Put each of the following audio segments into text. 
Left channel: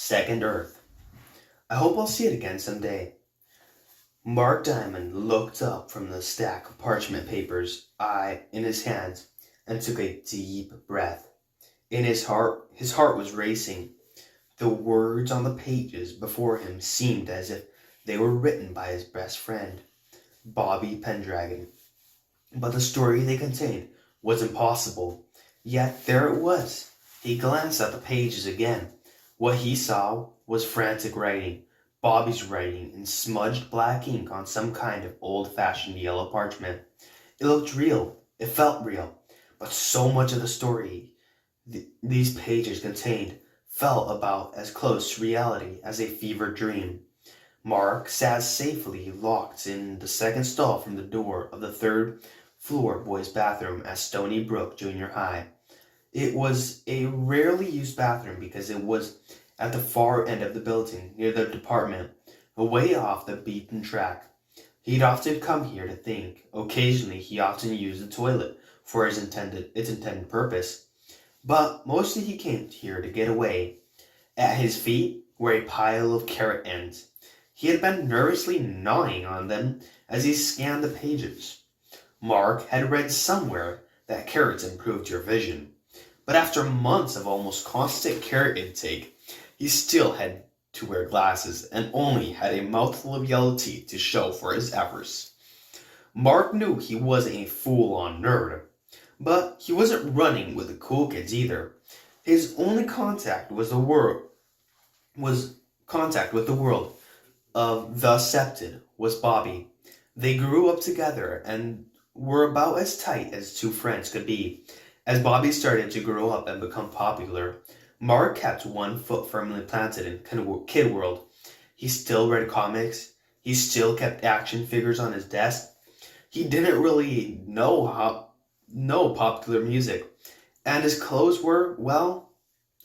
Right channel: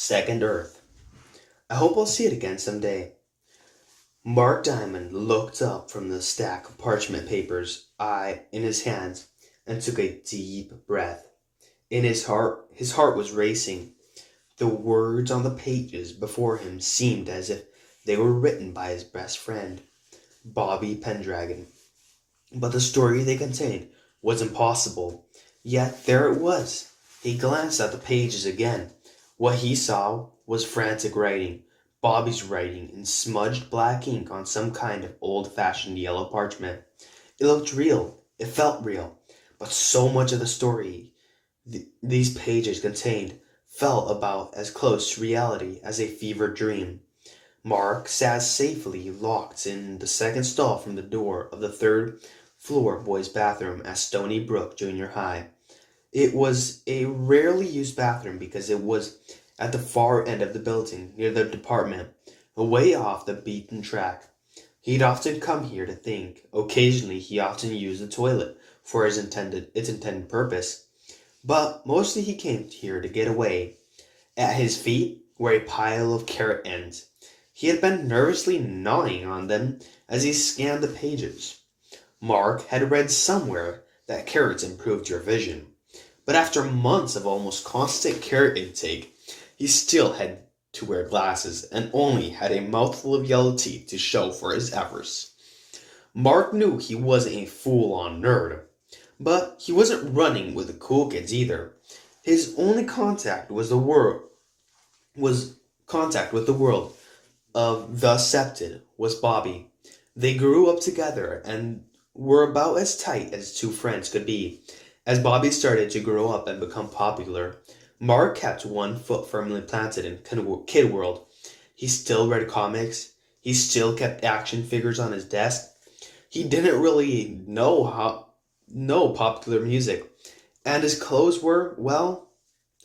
Second Earth. I hope I'll see it again someday. Mark Diamond looked up from the stack of parchment papers in his hands and took a deep breath. In his heart was racing. The words on the pages before him seemed as if they were written by his best friend, Bobby Pendragon. But the story they contained was impossible. Yet there it was. He glanced at the pages again. What he saw was frantic writing, Bobby's writing in smudged black ink on some kind of old-fashioned yellow parchment. It looked real. It felt real. But so much of the story these pages contained felt about as close to reality as a fevered dream. Mark sat safely locked in the second stall from the door of the third floor boys' bathroom at Stony Brook Junior High. It was a rarely used bathroom because it was at the far end of the building, near the department, away off the beaten track. He'd often come here to think. Occasionally he often used the toilet for its intended purpose. But mostly he came here to get away. At his feet were a pile of carrot ends. He had been nervously gnawing on them as he scanned the pages. Mark had read somewhere that carrots improved your vision. But after months of almost constant carrot intake, he still had to wear glasses and only had a mouthful of yellow teeth to show for his efforts. Mark knew he wasn't a full-on nerd, but he wasn't running with the cool kids either. His only contact with the world of the accepted was Bobby. They grew up together and were about as tight as two friends could be. As Bobby started to grow up and become popular, Mark kept one foot firmly planted in kid world. He still read comics. He still kept action figures on his desk. He didn't really know popular music, and his clothes were, well,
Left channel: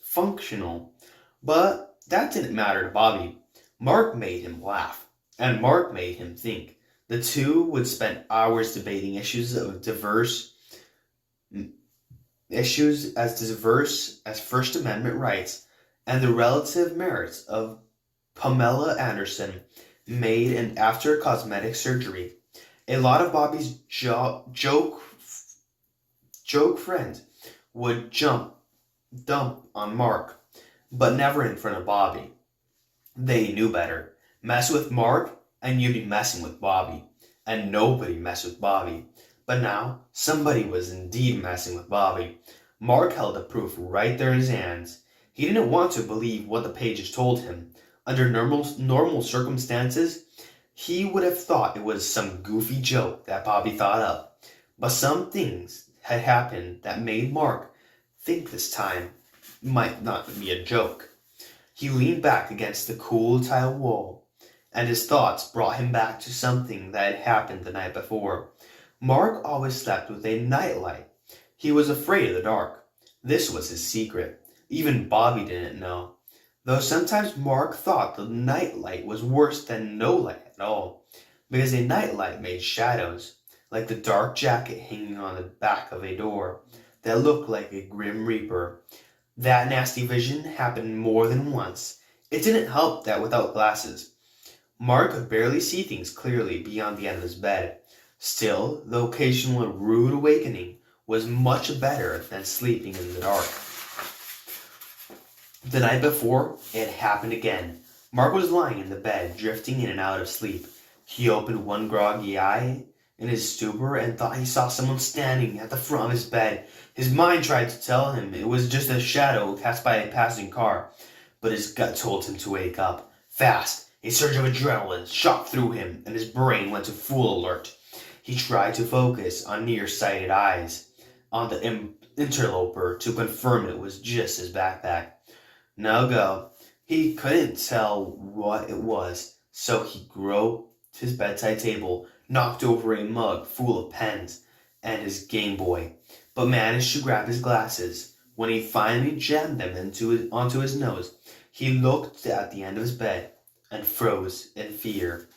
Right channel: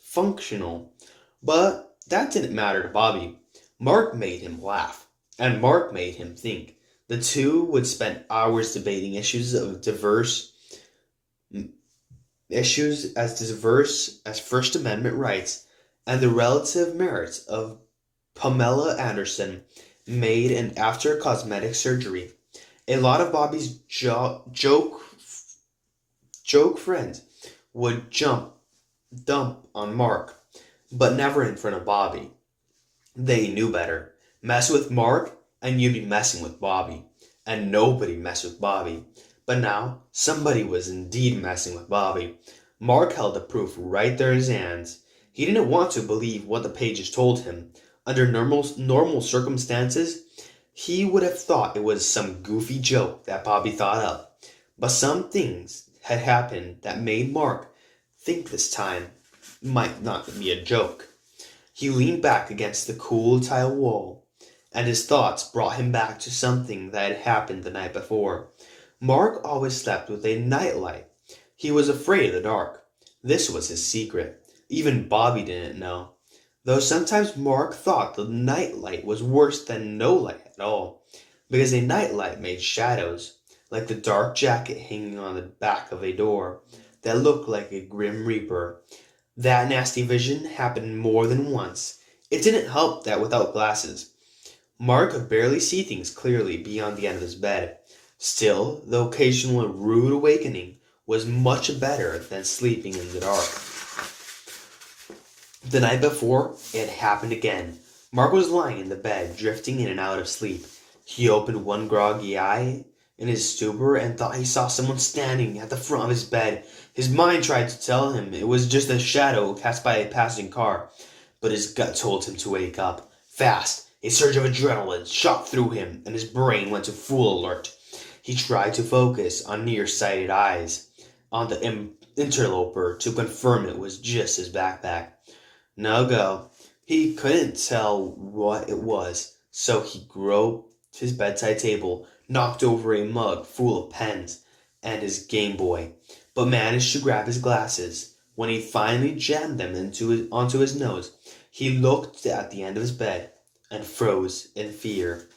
functional. But that didn't matter to Bobby. Mark made him laugh, and Mark made him think. The two would spend hours debating issues as diverse as First Amendment rights and the relative merits of Pamela Anderson made and after cosmetic surgery. A lot of Bobby's joke friends would dump on Mark, but never in front of Bobby. They knew better. Mess with Mark and you'd be messing with Bobby. And nobody messed with Bobby. But now, somebody was indeed messing with Bobby. Mark held the proof right there in his hands. He didn't want to believe what the pages told him. Under normal circumstances, he would have thought it was some goofy joke that Bobby thought up. But some things had happened that made Mark think this time might not be a joke. He leaned back against the cool tile wall, and his thoughts brought him back to something that had happened the night before. Mark always slept with a nightlight. He was afraid of the dark. This was his secret. Even Bobby didn't know. Though sometimes Mark thought the nightlight was worse than no light at all, because a nightlight made shadows, like the dark jacket hanging on the back of a door, that looked like a grim reaper. That nasty vision happened more than once. It didn't help that without glasses, Mark could barely see things clearly beyond the end of his bed. Still, the occasional rude awakening was much better than sleeping in the dark. The night before, it happened again. Mark was lying in the bed, drifting in and out of sleep. He opened one groggy eye in his stupor and thought he saw someone standing at the front of his bed. His mind tried to tell him it was just a shadow cast by a passing car, but his gut told him to wake up. Fast, a surge of adrenaline shot through him, and his brain went to full alert. He tried to focus on nearsighted eyes on the interloper to confirm it was just his backpack. No go. He couldn't tell what it was, so he groped his bedside table, knocked over a mug full of pens and his Game Boy, but managed to grab his glasses. When he finally jammed them onto his nose, he looked at the end of his bed and froze in fear.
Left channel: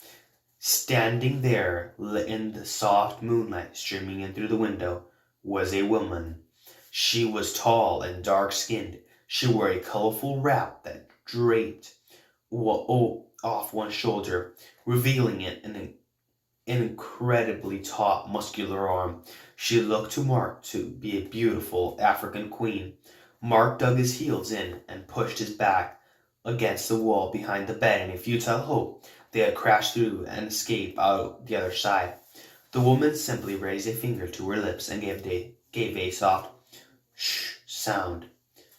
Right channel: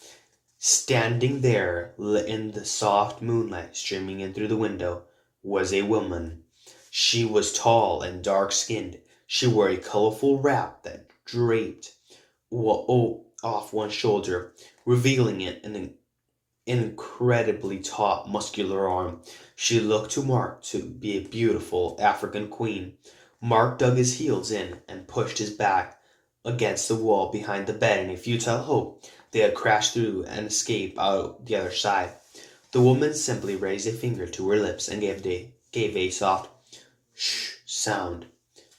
Standing there in the soft moonlight streaming in through the window was a woman. She was tall and dark-skinned. She wore a colorful wrap that draped off one shoulder, revealing an incredibly taut, muscular arm. She looked to Mark to be a beautiful African queen. Mark dug his heels in and pushed his back against the wall behind the bed in a futile hope they had crashed through and escape out the other side. The woman simply raised a finger to her lips and gave a soft shh sound.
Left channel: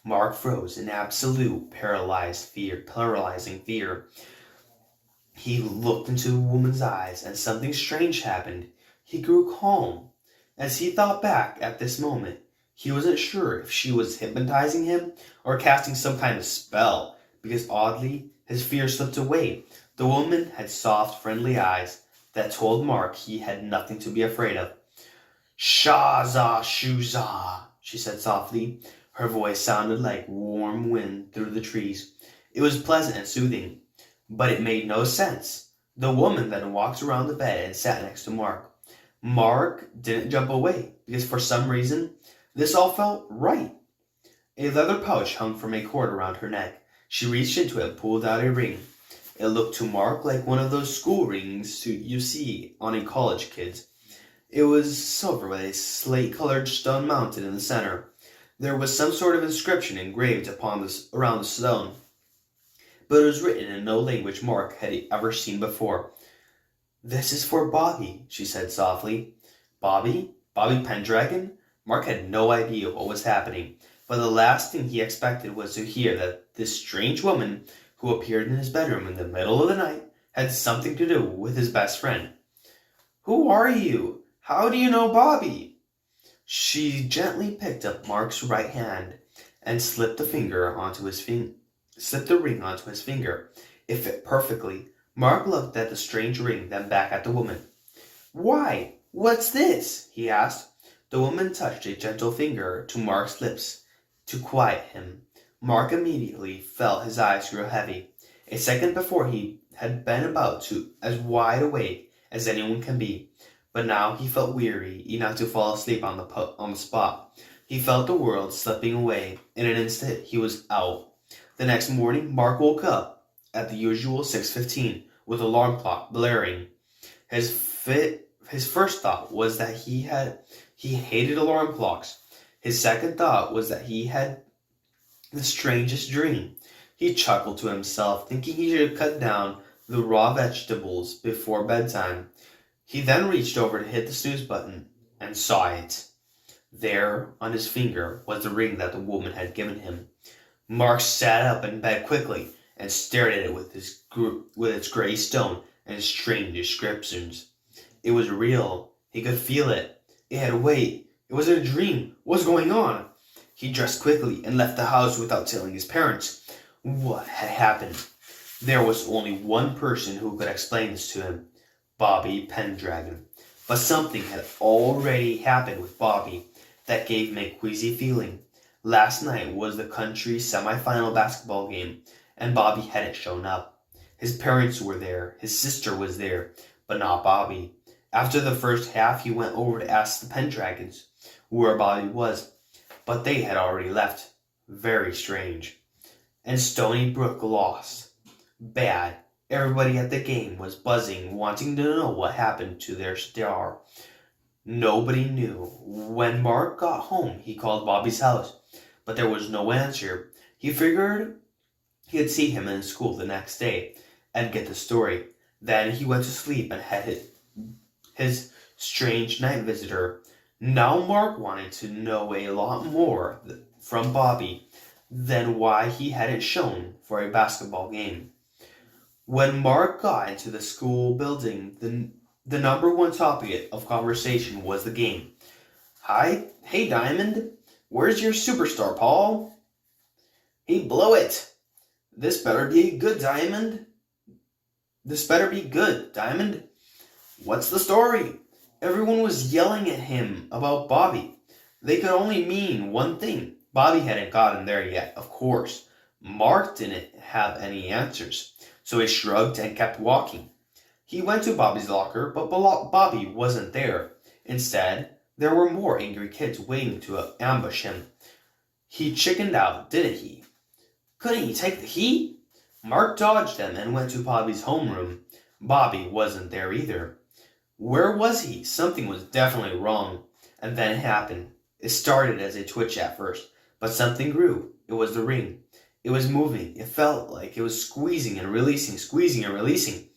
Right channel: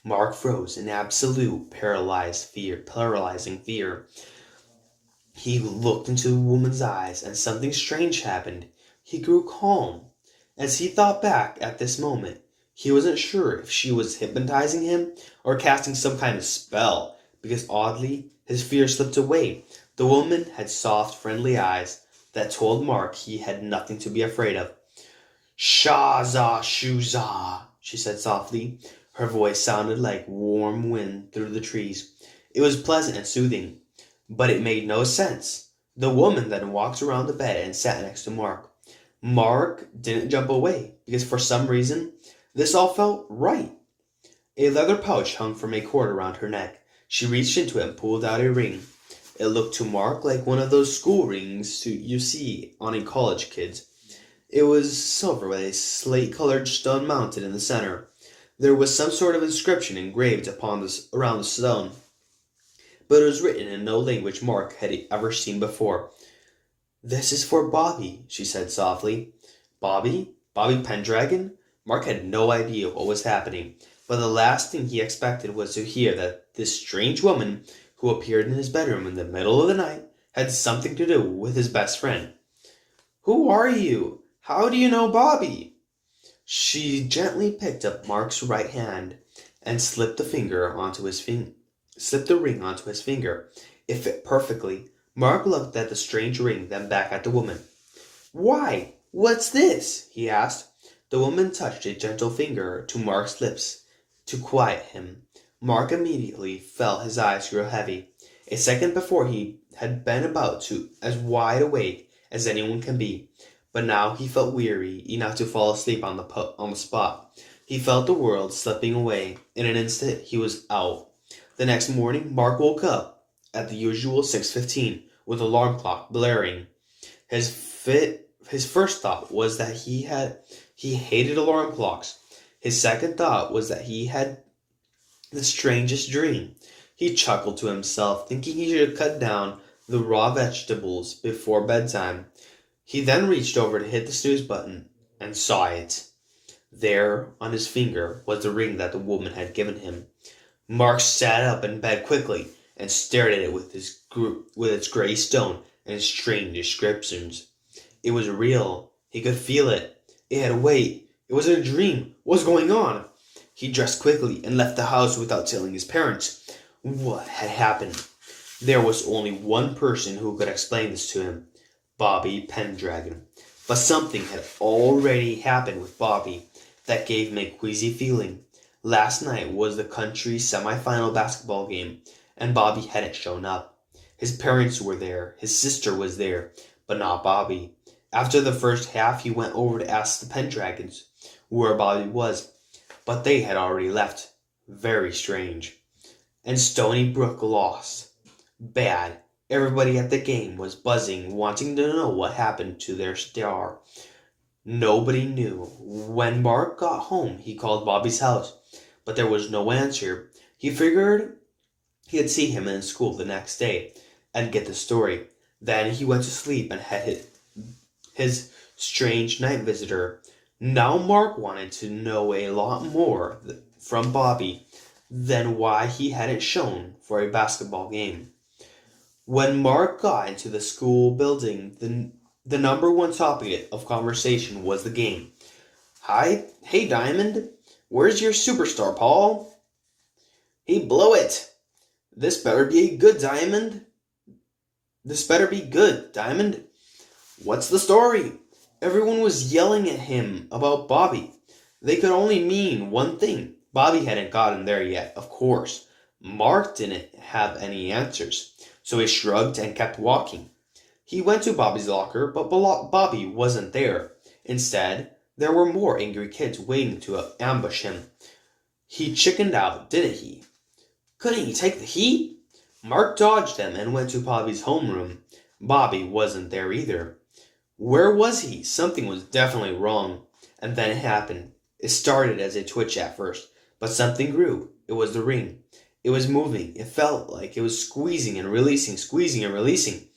Mark froze in absolute paralyzing fear. He looked into the woman's eyes, and something strange happened. He grew calm. As he thought back at this moment, he wasn't sure if she was hypnotizing him or casting some kind of spell, because oddly, his fear slipped away. The woman had soft, friendly eyes that told Mark he had nothing to be afraid of. Shaza Shuza, she said softly. Her voice sounded like warm wind through the trees. It was pleasant and soothing. But it made no sense. The woman then walked around the bed and sat next to Mark. Mark didn't jump away, because for some reason, this all felt right. A leather pouch hung from a cord around her neck. She reached into it and pulled out a ring. It looked to Mark like one of those school rings you see on a college kid's. It was silver with a slate-colored stone mounted in the center. There was some sort of inscription engraved around the stone, but it was written in no language Mark had ever seen before. This is for Bobby, she said softly. Bobby? Bobby Pendragon? Mark had no idea what was happening, but the last thing he expected was to hear that this strange woman who appeared in his bedroom in the middle of the night had something to do with his best friend. Who are you? How do you know Bobby? She gently picked up Mark's right hand and slipped the ring onto his finger. It fit perfectly. Mark looked at the strange ring, then back at the woman. Why? What's this? He asked. The woman touched a gentle finger to Mark's lips to quiet him. Mark immediately felt his eyes grow heavy. A second before he had been about to as wide awake as anyone can be, but now he felt weary enough to fall asleep on the spot. He felt the world slipping away. In an instant, he was out. The next morning, Mark woke up at the usual 6:15 with the alarm clock blaring. His first thought was that he hated alarm clocks. His second thought was that he had the strangest dream. He chuckled to himself, thinking he should cut down the raw vegetables before bedtime. He then reached over to hit the snooze button and saw it. There, on his finger, was the ring that the woman had given him. Mark sat up in bed quickly and stared at it with its gray stone and strange inscriptions. It was real. He could feel it. It had weight. It wasn't a dream. What was going on? He dressed quickly and left the house without telling his parents what had happened. There was only one person who could explain this to him, Bobby Pendragon. But something had already happened with Bobby that gave him a queasy feeling. Last night was the country's semi-final basketball game, and Bobby hadn't shown up. His parents were there, his sister was there, but not Bobby. After the first half, he went over to ask the Pendragons where Bobby was, but they had already left. Very strange. And Stony Brook lost. Bad. Everybody at the game was buzzing, wanting to know what happened to their star. Nobody knew. When Mark got home, he called Bobby's house, but there was no answer. He figured he'd see him in school the next day and get the story. Then he went to sleep and had his strange night visitor. Now Mark wanted to know a lot more from Bobby than why he hadn't shown for a basketball game. When Mark got into the school building, the number one topic of conversation was the game. Hey Diamond, where's your superstar, Paul? He blew it. This better be good, Diamond. What's the story? Everyone was yelling at him about Bobby. They could only mean one thing. Bobby hadn't gotten there yet, of course. Mark didn't have any answers, so he shrugged and kept walking. He went to Bobby's locker, but Bobby wasn't there. Instead, there were more angry kids waiting to ambush him. He chickened out, didn't he? Couldn't he take the heat? Mark dodged them and went to Bobby's homeroom. Bobby wasn't there either. Where was he? Something was definitely wrong. And then it happened. It started as a twitch at first, but something grew. It was the ring. It was moving. It felt like it was squeezing and releasing, squeezing and releasing.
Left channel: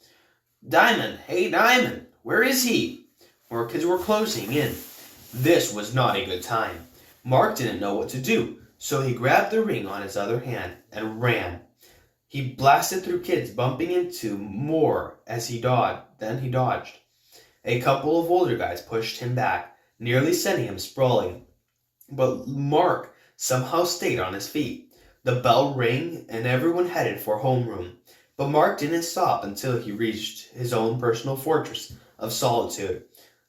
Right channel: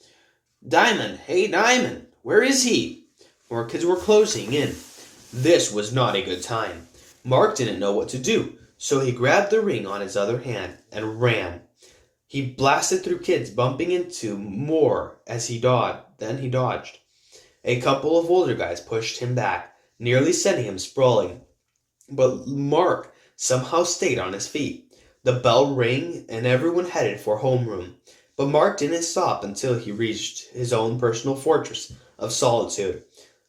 Diamond! Hey, Diamond! Where is he? More kids were closing in. This was not a good time. Mark didn't know what to do, so he grabbed the ring on his other hand and ran. He blasted through kids, bumping into more as he dodged. Then he dodged. A couple of older guys pushed him back, nearly sending him sprawling. But Mark somehow stayed on his feet. The bell rang and everyone headed for homeroom. But Mark didn't stop until he reached his own personal fortress of solitude,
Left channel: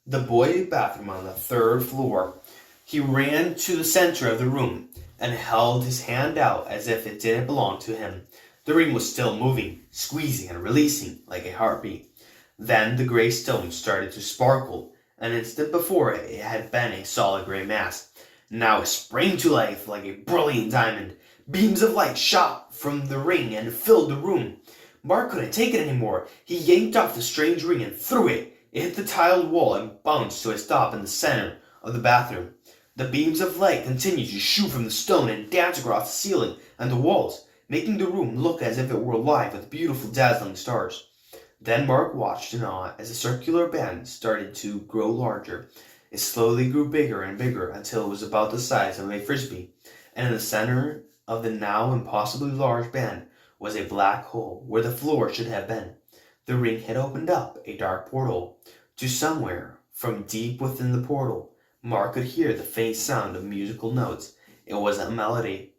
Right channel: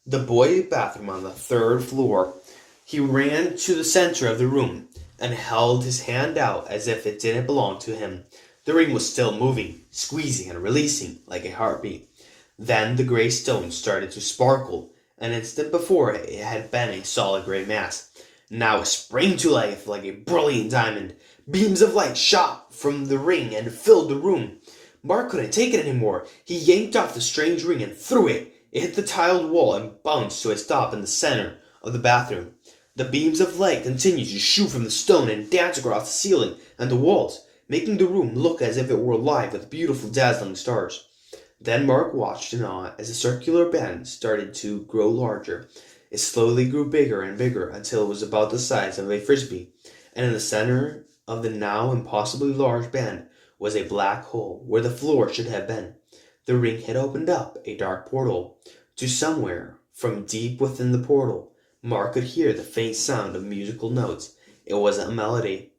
the boy bathroom on the third floor. He ran to the center of the room and held his hand out as if it didn't belong to him. The ring was still moving, squeezing and releasing like a heartbeat. Then the gray stone started to sparkle. An instant before it had been a solid gray mass. Now it sprang to life like a brilliant diamond. Beams of light shot from the ring and filled the room. Mark couldn't take it anymore. He yanked off the strange ring and threw it. It hit the tiled wall and bounced to a stop in the center of the bathroom. The beams of light continued to shoot from the stone and dance across the ceiling and the walls, making the room look as if it were alive with beautiful dazzling stars. Then Mark watched in awe as the circular band started to grow larger. It slowly grew bigger and bigger until it was about the size of a frisbee, and in the center of the now impossibly large band was a black hole where the floor should have been. The ring had opened up a dark portal to somewhere. From deep within the portal, Mark could hear the faint sound of musical notes. It wasn't a melody.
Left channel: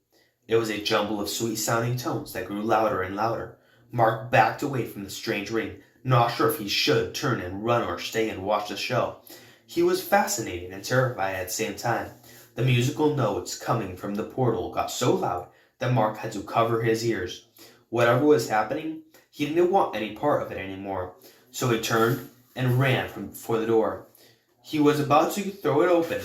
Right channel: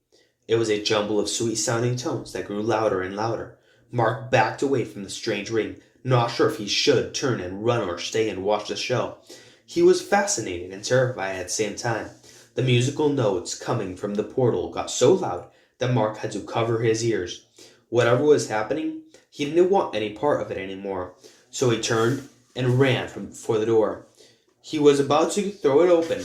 It was a jumble of sweet-sounding tones that grew louder and louder. Mark backed away from the strange ring, not sure if he should turn and run or stay and watch the show. He was fascinated and terrified at the same time. The musical notes coming from the portal got so loud that Mark had to cover his ears. Whatever was happening, he didn't want any part of it anymore, so he turned and ran for the door. He was about to throw it open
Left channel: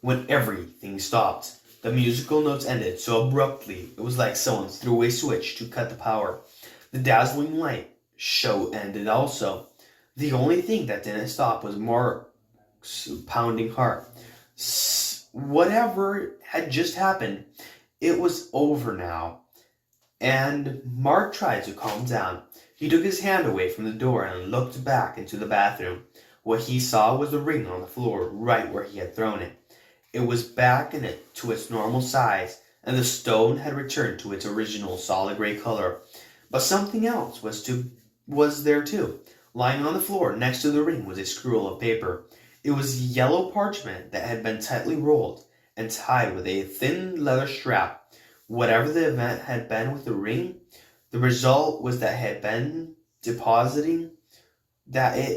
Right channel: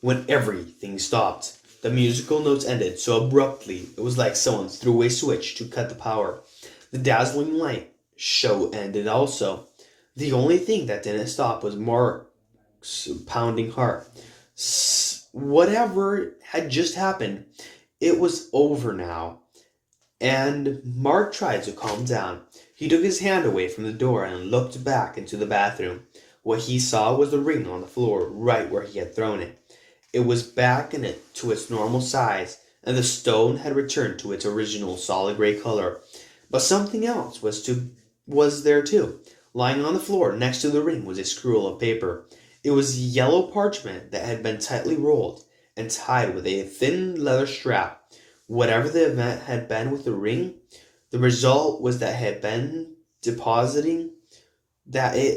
when everything stopped. The musical notes ended so abruptly it was like someone threw a switch to cut the power. The dazzling light show ended also. The only thing that didn't stop was Mark's pounding heart. Whatever had just happened, it was over now. And Mark tried to calm down. He took his hand away from the door and looked back into the bathroom. What he saw was the ring on the floor, right where he had thrown it. It was back in it to its normal size, and the stone had returned to its original solid gray color. But something else was there too. Lying on the floor next to the ring was a scroll of paper. It was yellow parchment that had been tightly rolled and tied with a thin leather strap. Whatever the event had been with the ring, the result was that it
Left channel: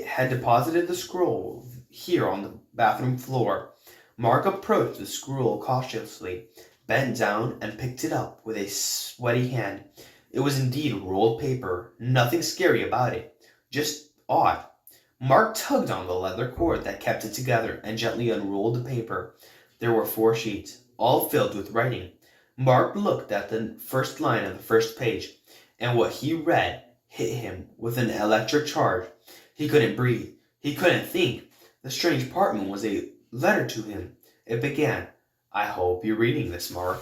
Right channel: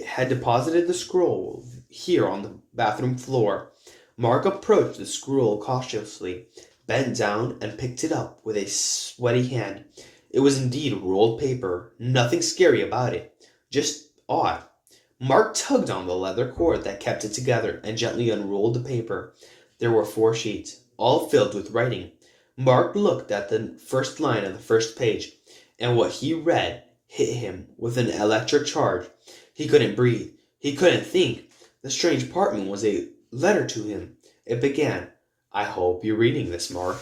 had deposited the scroll here on the bathroom floor. Mark approached the scroll cautiously, bent down, and picked it up with a sweaty hand. It was indeed rolled paper. Nothing scary about it, just odd. Mark tugged on the leather cord that kept it together and gently unrolled the paper. There were 4 sheets, all filled with writing. Mark looked at the first line of the first page, and what he read hit him with an electric charge. He couldn't breathe. He couldn't think. The strange parchment was a letter to him. It began, "I hope you're reading this, Mark.